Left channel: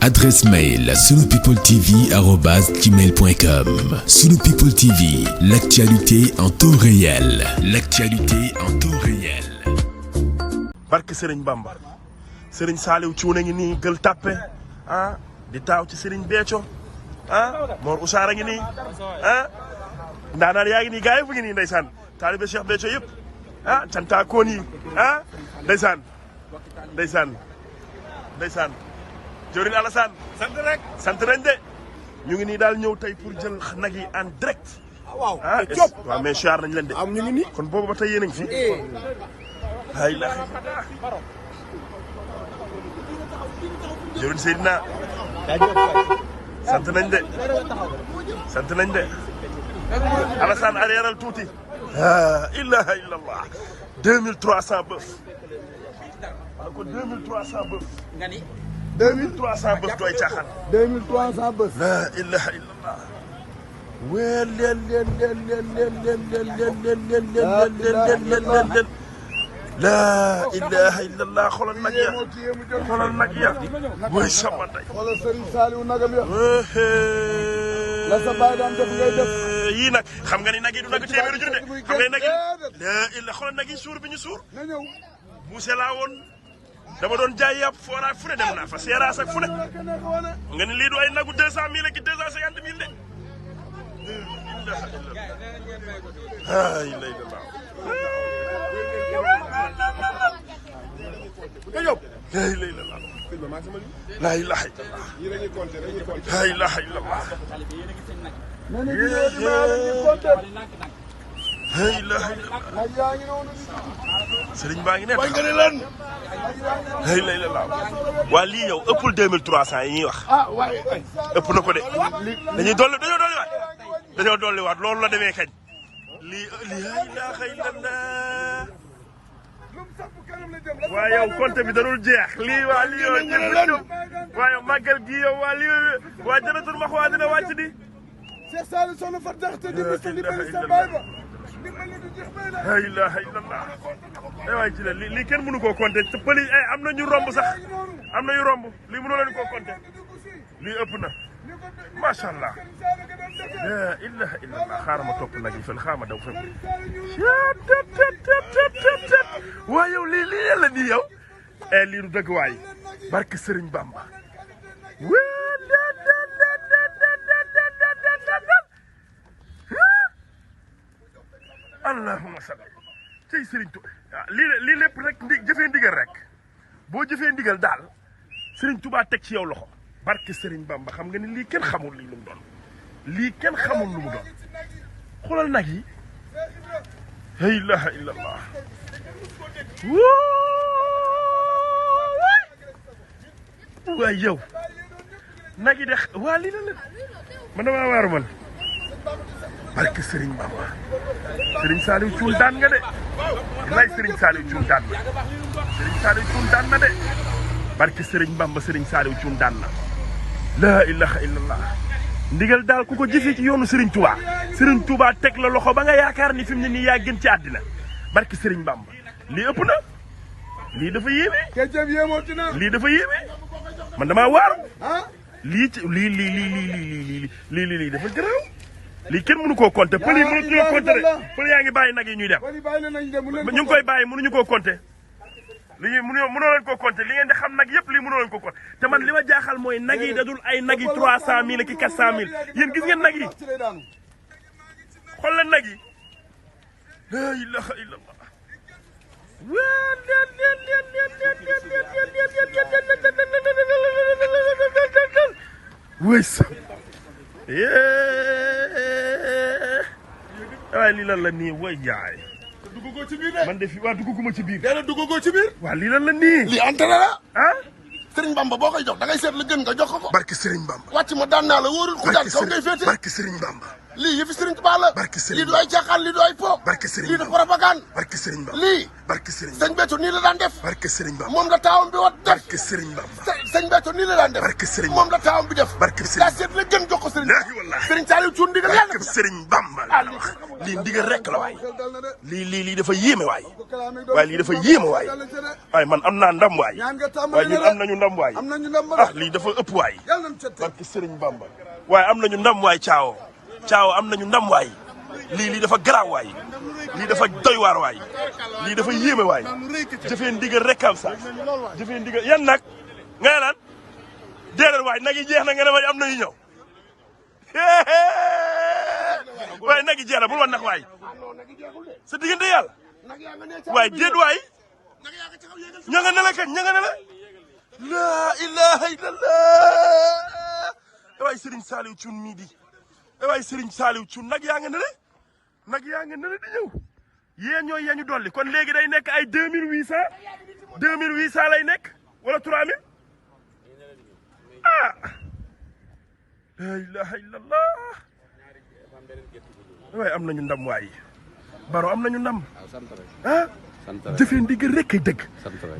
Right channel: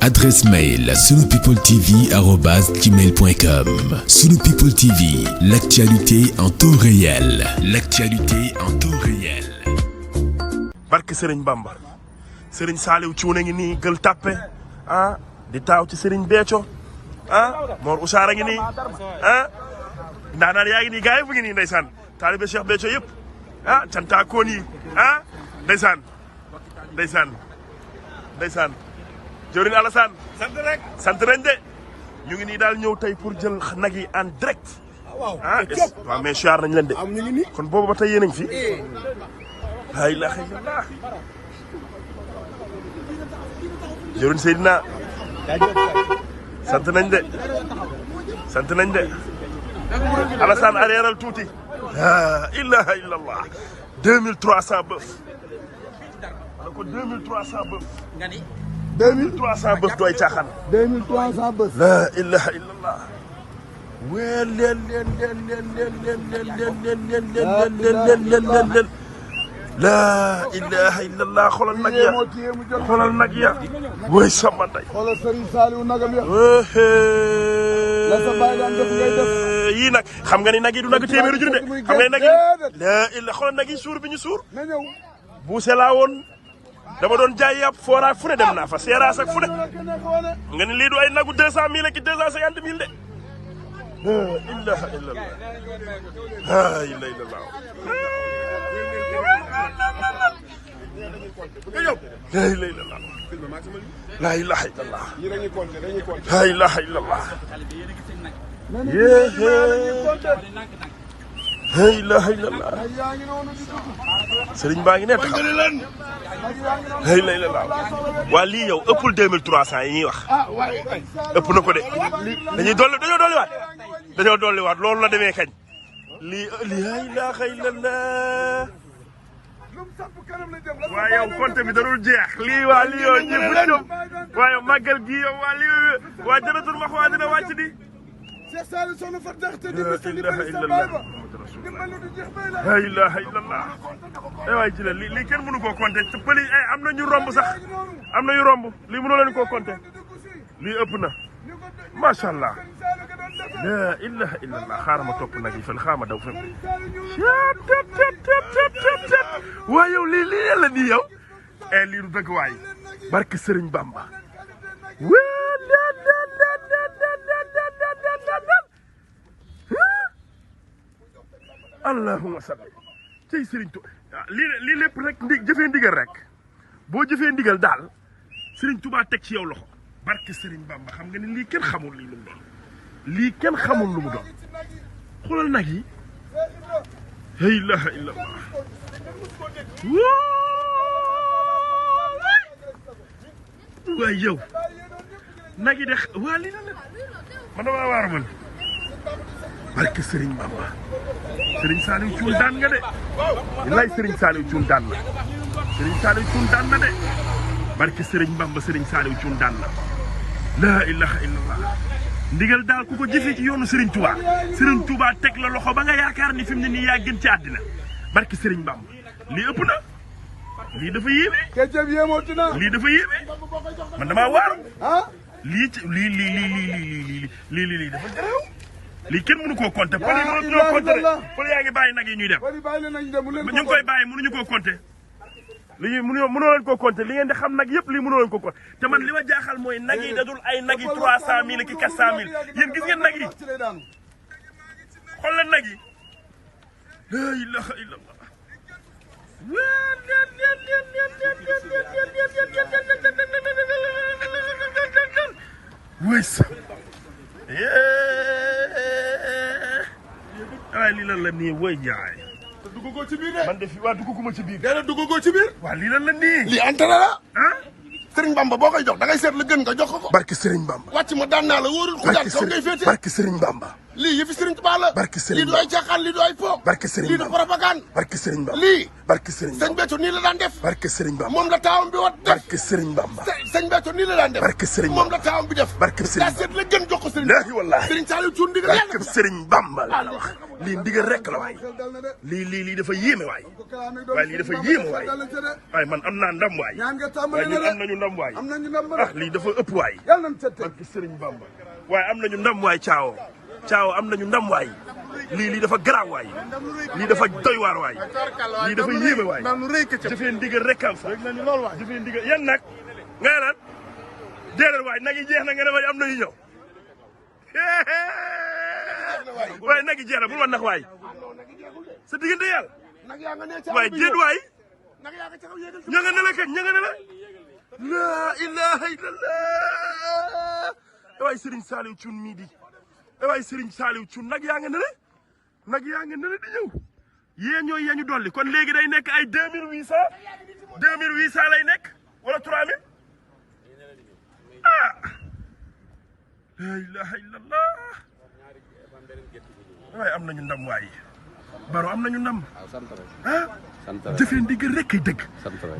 Adresse mail sunupipletv@gmail.com. Sunu People TV, l'actualité en temps réel. L'actualité en temps réel. barke Serigne Bamba Serigne Saliou Thioune ngi nii Gueule Tapée di taaw ci Serigne Béthio Mor Oussara ngi nii ndaanaan yaa ngi nii gars yi bu ngi nii ndeysaan taalibe Cheikh Béthio yëpp cantaakoon yi ndeysaan jëwriñ Alassane sant rek de ñu ngi nii daal ñëw tey pour jël nag yi en direct waaw mais siyaar nañ leen de am ñu ngi nii kon boobu ba tey yéen a ngi fi la ilaha illallah jëwriñ Seydina sant nañ de Alassane arrièral tuuti la ilaha illallah 2300 bëf wala ko 2300 bëf 2300 bëf dooy caaxaan 2300 bës. la ilaha illallah weel leen la ilaha illallah xoolal nag ya way sama ndey xoolal Serigne Saliou nagam ya. yii nag xam nga ni nag yi du nag téeméeri junni de xam nga ni nag yi la illa xoolal nag yi suur bi ñu suur buuse laa woon dama doon jaay yàpp fooraa fu ne dem naa fa seeraas ak fu ne nga ni lii du ay nagu 200 000 ak 250 000 de la ilaha illallah la ilaha illallah la ilaha illallah la ilaha illallah la ilaha illallah la ilaha illallah sëriñ baa ngi ne taxaw la ilaha illallah waa lii yow ëppul 2300 yi ñuy wax ëpp na ko de dañoo dolliwaat loolu la demee kañ lii la ilaha illallah waaye yow compte bi darul jeex lii waa lii yow ñëpp ñoom waaye màggal gi yow waa lii waa jënatul max waa dina wàcc di la ilaha illallah waay ci la lii kenn mënu koo compter te pëli am na ñu romb sax am na yu romb lii mënoo leen koo compter lii ëpp na macha allah la ilaha illallah xaaral ma topp nag yi fële xaaral ma daw fem waaye yow lii yàlla nii yow lii du dëgg waay barke Serigne Bamba allahumma salli cey Serigne Touba lii lépp rek jëfee ndigal rek boo jëfee ndigal daal Serigne Touba teg ci yow loxo barke Serigne Bamba xam nga ni lii kenn xamul lii lu mu doon lii kenn xamul lu mu doon xoolal nag yi la ilaha illallah waay yow nag yi de waa lii la man damaa waaru man barke Serigne Bamba Serigne Saliou Thioune daan nga de lay Serigne Saliou Thioune daan na Serigne Saliou Thioune daan na de barke Serigne Bamba Serigne Saliou Thioune daan na la ilaha illallah ndigal daal ku ko jëfee ci yoonu Serigne Touba teg la loxo ba nga yaakaar ni fi mu ne nii yaa gën ci àddina barke Serigne Bamba lii ëpp na lii dafa yéeme lii dafa yéeme man damaa waaru lii ci lii dafa gërëm lii kenn mënu koo compter pël yi mënuñu koo compter pël yaa ngi bàyyi nag yi ñuy dem ñu ngi koy bàyyi mënuñu koo compter lii mënoo leen koo compter li ngeen di xam nag yëpp lii mënoo leen koo compter te man li ma jaaxal mooy nag yi dadul ay nag yi 300 000 ak 400 000 yéen gis ngeen nag yi xool leen nag yi la ilaha illallah wëy sa waaye lii lan la nii woy jaay dugg ko ci biir de man de fi waa dugguma ci biir dana dugg ko ci biir waa lii lan la nii lii entrée la Serigne Bamba boo koy jox da ngay seet la gën nga jox ko barke Serigne Bamba wàcc ma daan naa la wóorul ku daan kaw ngay féete barke Serigne Bamba lii yëfi Serigne Touba la barke Serigne lii du ay caaxaan lii du ay po barke Serigne lii du propagande barke Serigne Bamba lii barke Serigne sëñ Béthio nii la daan def barke Serigne Bamba moom la taawam bi wat def barke Serigne Bamba sëñ Béthio nii la daan def barke Serigne moom la taawam bi def barke Serigne daa seet la gën jox ko Serigne laahi wallahi Serigne Saliou Thioune ndigal barke Serigne Bamba laa la wax lii ndigal rek la waay lii dafa yéeme waay waaye lii dafa yéem waay waaye man am naa ndam waay waaye ñun am nañu ndam waay ah lii dafa ëpp waay barke Sëriñ Bamba waaye am nañu ndam waay Caawo am nañu ndam waay lii dafa garaaw waay lii dafa doy waar waay lii dafa yéeme waay jëfee ndigal rek am sax jëfee ndigal yan nag nga naan déedéet waay nag yi jeex na nga ne may am na yu ñëw waaye nag yi jeex na bul wan nag waay sa diggante yàlla waaye déet waay ña nga ne la kañ ña nga ne la laa ilaha illallah waay Serigne Saliou Thioune mii di waay Serigne Saliou Thioune nag yaa nga ne la nag yaa nga ne la di ñëw yéen ñooy yañu dolli kon léegi day nekk ay 2800 lay nekk wala 3000 ah la ilaha illallah waaye am nañu ndam waay Baro am nañu ndam ah jëfee ndigal rek kay dëgg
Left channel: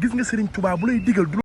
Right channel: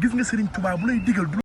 gis nga Serigne Touba bu lay digal